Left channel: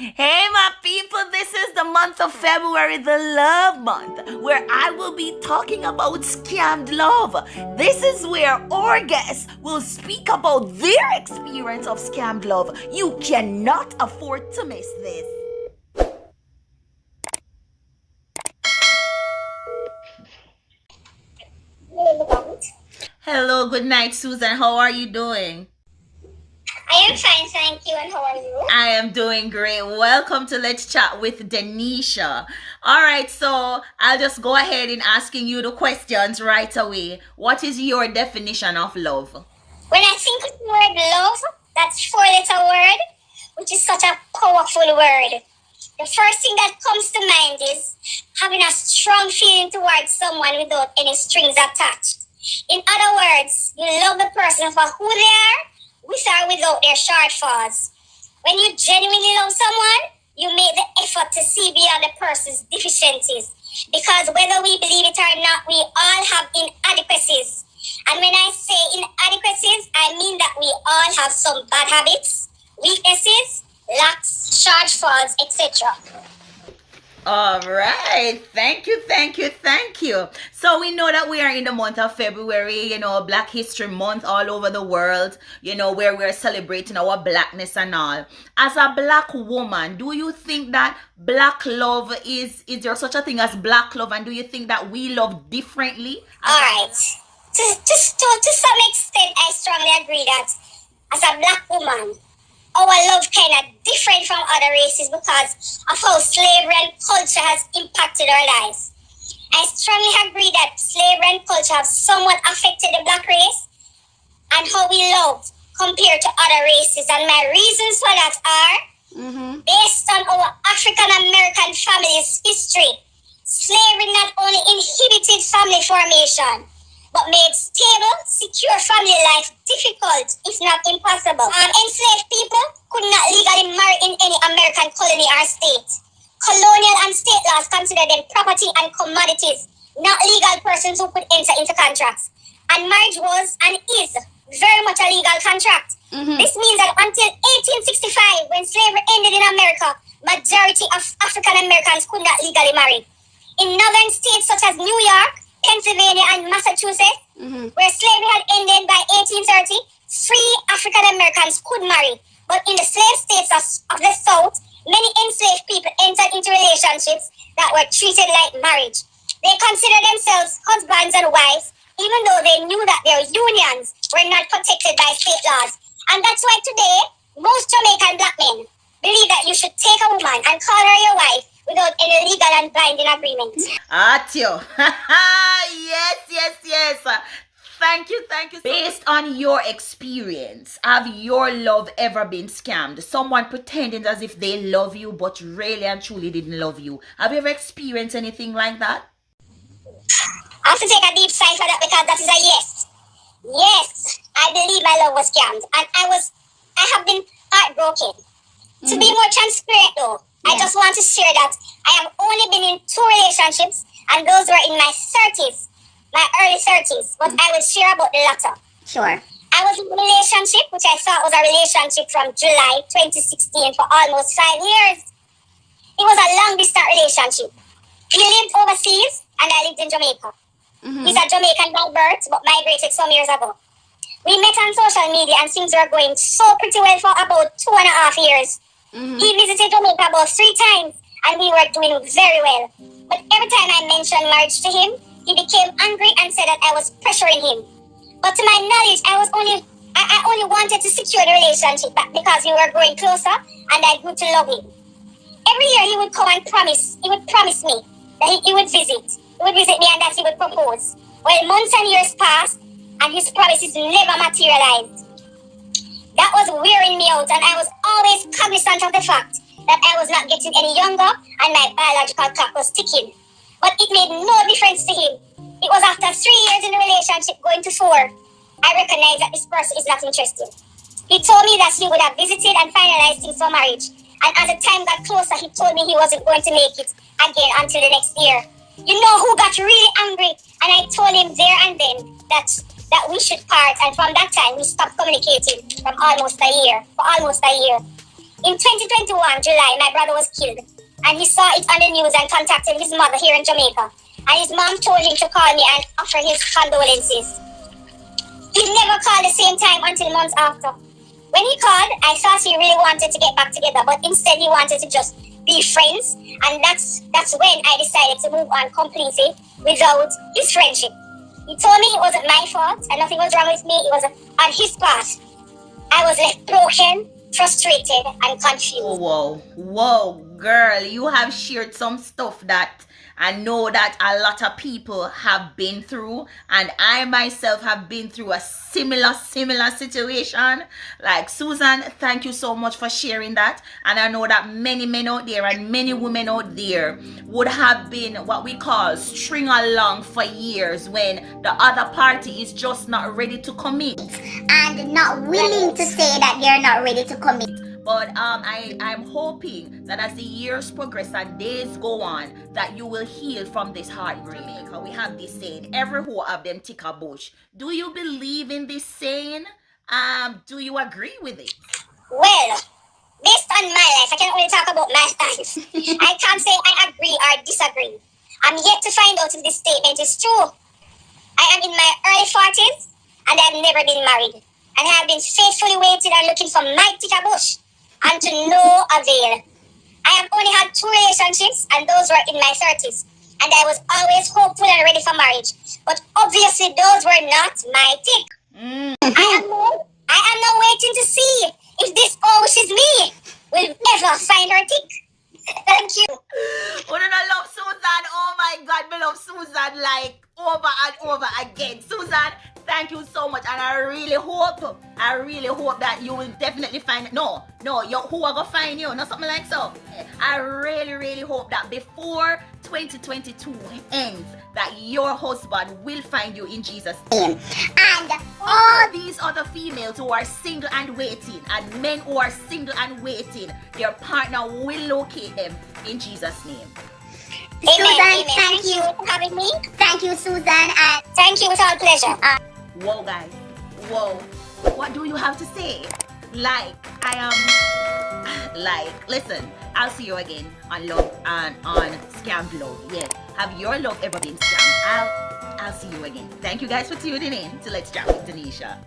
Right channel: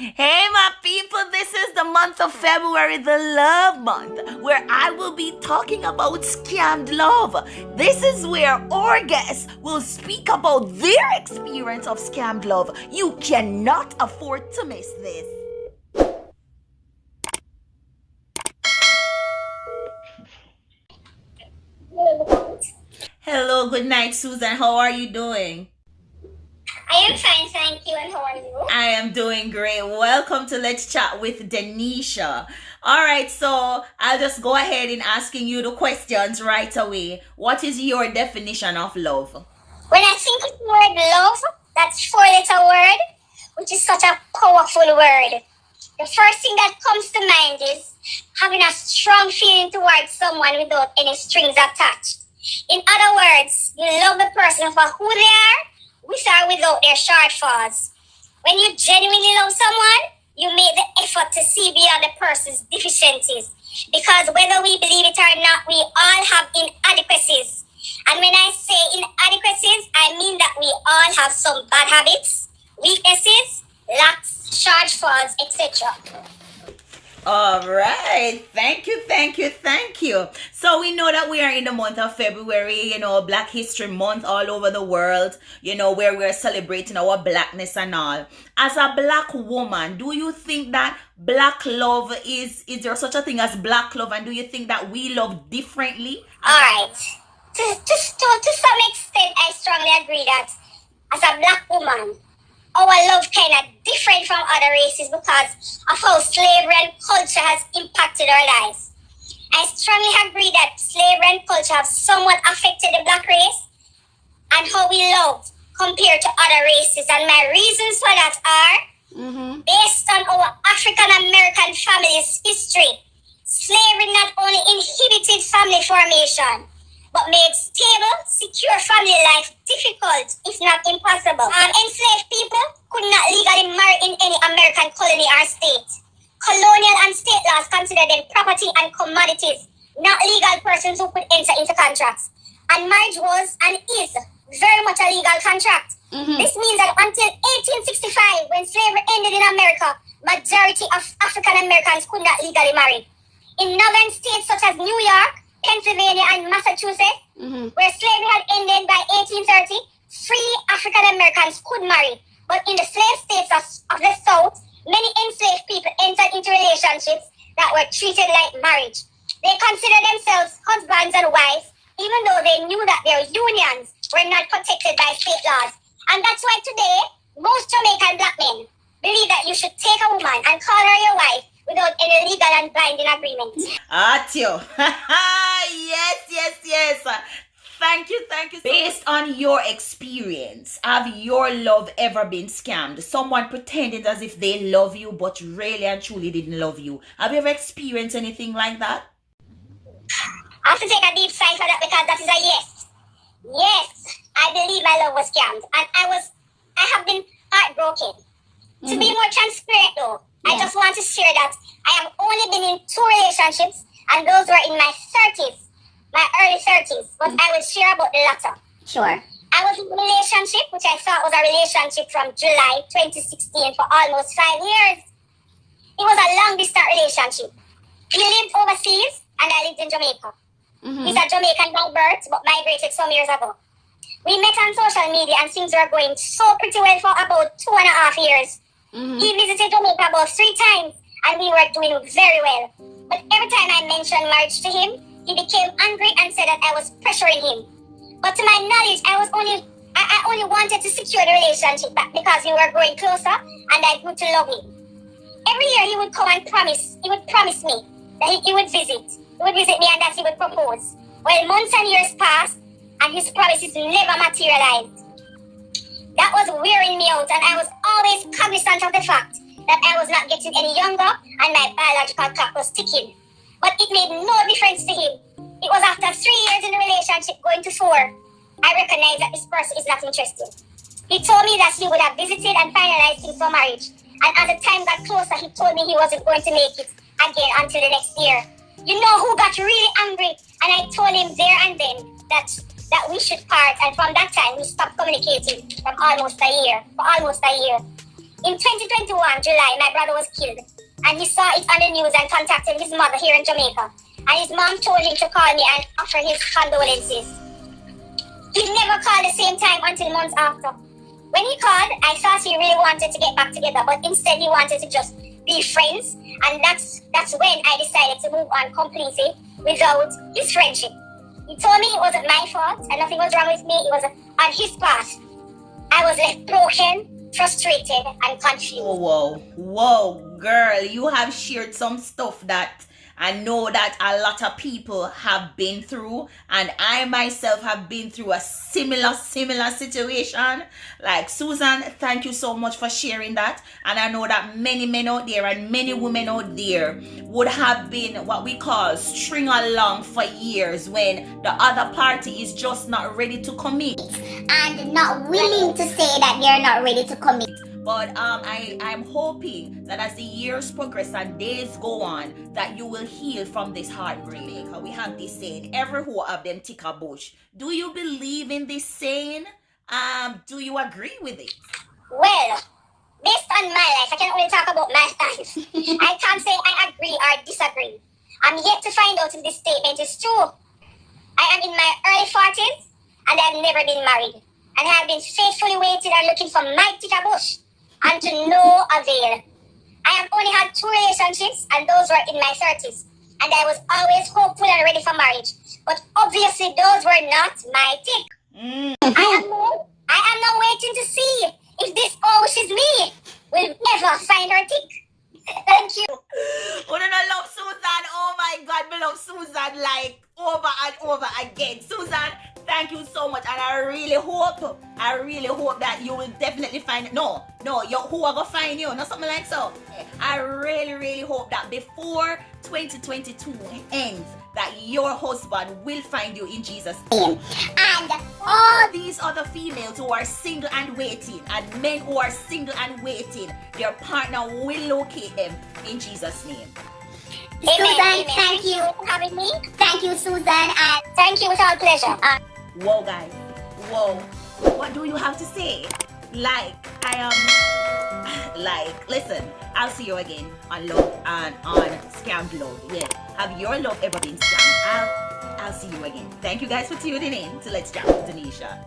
Hey, my people, this is the month of February, the love month, where I will be talking about scammed love. This is where our guests will speak about their experience of scammed love. You cannot afford to miss this. Hello, good night, Susan. How are you doing? I am fine, thank you. And how are you? I am doing great. Welcome to Let's Chat with Denisha. All right, so I'll just go ahead and asking you the questions right away. What is your definition of love? When I think of the word love, that's four-letter word, which is such a powerful word. The first thing that comes to mind is having a strong feeling towards someone without any strings attached. In other words, you love the person for who they are, with or without their shortfalls. When you genuinely love someone, you make the effort to see beyond the person's deficiencies. Because whether we believe it or not, we all have inadequacies. And when I say inadequacies, I mean that we all have some bad habits, weaknesses, lacks, shortfalls, etc. All right. Thank you, thank you, thank you. So we know that we are in the month of February, Black History Month all over the world, where we're celebrating our blackness and all. As a black woman, do you think that black love is there such a thing as black love, and do you think that we love differently? All right. To some extent, I strongly agree that as a black woman, our love kind of different from other races because of how slavery and culture has impacted our lives. I strongly agree that slavery and culture have somewhat affected the black race and how we love compared to other races. And my reasons for that are based on our African American family's history. Slavery not only inhibited family formation, but made stable, secure family life difficult, if not impossible. Enslaved people could not legally marry in any American colony or state. Colonial and state laws considered them property and commodities, not legal persons who could enter into contracts. And marriage was and is very much a legal contract. This means that until 1865, when slavery ended in America, majority of African Americans could not legally marry. In northern states such as New York, Pennsylvania, and Massachusetts, where slavery had ended by 1830, free African Americans could marry. But in the slave states of the South, many enslaved people entered into relationships that were treated like marriage. They considered themselves husbands and wives, even though they knew that their unions were not protected by state laws. And that's why today, most Jamaican black men believe that you should take a woman and call her your wife without any legal and binding agreement. Atio. Yes. Thank you. Based on your experience, have your love ever been scammed? Someone pretending as if they love you, but really and truly didn't love you. Have you ever experienced anything like that? I have to take a deep sigh for that because that is a yes. Yes, I believe my love was scammed. And I have been heartbroken. To be more transparent though, I just want to share that I have only been in 2 relationships, and those were in my 30s, my early 30s. But I will share about the latter. Sure. I was in a relationship, which I thought was a relationship from July 2016 for almost 5 years. It was a long distance relationship. He lived overseas, and I lived in Jamaica. He's a Jamaican by birth, but migrated some years ago. We met on social media, and things were going so pretty well for about 2.5 years. He visited Jamaica about 3 times, and we were doing very well. But every time I mentioned marriage to him, he became angry and said that I was pressuring him. But to my knowledge, I only wanted to secure the relationship because we were growing closer, and I grew to love him. Every year he would come and promise me that he would visit. He would visit me and that he would propose. Well, months and years passed, and his promises never materialized. That was wearing me out, and I was always cognizant of the fact that I was not getting any younger and my biological clock was ticking. But it made no difference to him. It was after 3 years in the relationship, going to 4, I recognized that this person is not interested. He told me that he would have visited and finalized things for marriage. And as the time got closer, he told me he wasn't going to make it again until the next year. You know who got really angry? And I told him there and then that we should part. And from that time, we stopped communicating for almost a year. In 2021, July, my brother was killed. And he saw it on the news and contacted his mother here in Jamaica. And his mom told him to call me and offer his condolences. He never called the same time until months after. When he called, I thought he really wanted to get back together, but instead he wanted to just be friends. And that's when I decided to move on completely without his friendship. He told me it wasn't my fault and nothing was wrong with me. It was on his part. I was left broken, frustrated, and confused. Whoa, girl, you have shared some stuff that I know that a lot of people have been through, and I myself have been through a similar situation. Like, Susan, thank you so much for sharing that. And I know that many men out there and many women out there would have been what we call string along for years when the other party is just not ready to commit And not willing to say that they're not ready to commit. But I'm hoping that as the years progress and days go on, that you will heal from this heartbreak. We have this saying, every hoe of them tick a bush. Do you believe in this saying? Do you agree with it? Well, based on my life, I can only talk about my life. I can't say I agree or disagree. I'm yet to find out if this statement is true. I am in my early 40s and I've never been married. And I have been faithfully waiting and looking for my tick a bush. And to no avail. I have only had 2 relationships, and those were in my 30s. And I was always hopeful and ready for marriage. But obviously, those were not my tick. I am now waiting to see if this oh, she's me will ever find her tick. Thank you. Oh, no, I love Susan. Oh my God, I love Susan like over and over again. Susan, thank you so much, and I really hope that you will definitely find no, who are gonna find you, not something like so. I really hope that before 2022 ends, that your husband will find you in Jesus' name. And all these other females who are single and waiting, and men who are single and waiting, their partner will locate them in Jesus' name. Susan, thank you for having me. Thank you, Susan, and thank you, it's all pleasure. Whoa, guys. Whoa. What do you have to say? Listen, I'll see you again on Love and on Scammed Love. Yes. Have your love ever been scammed? I'll see you again. Thank you guys for tuning in to Let's Chat with Tanisha.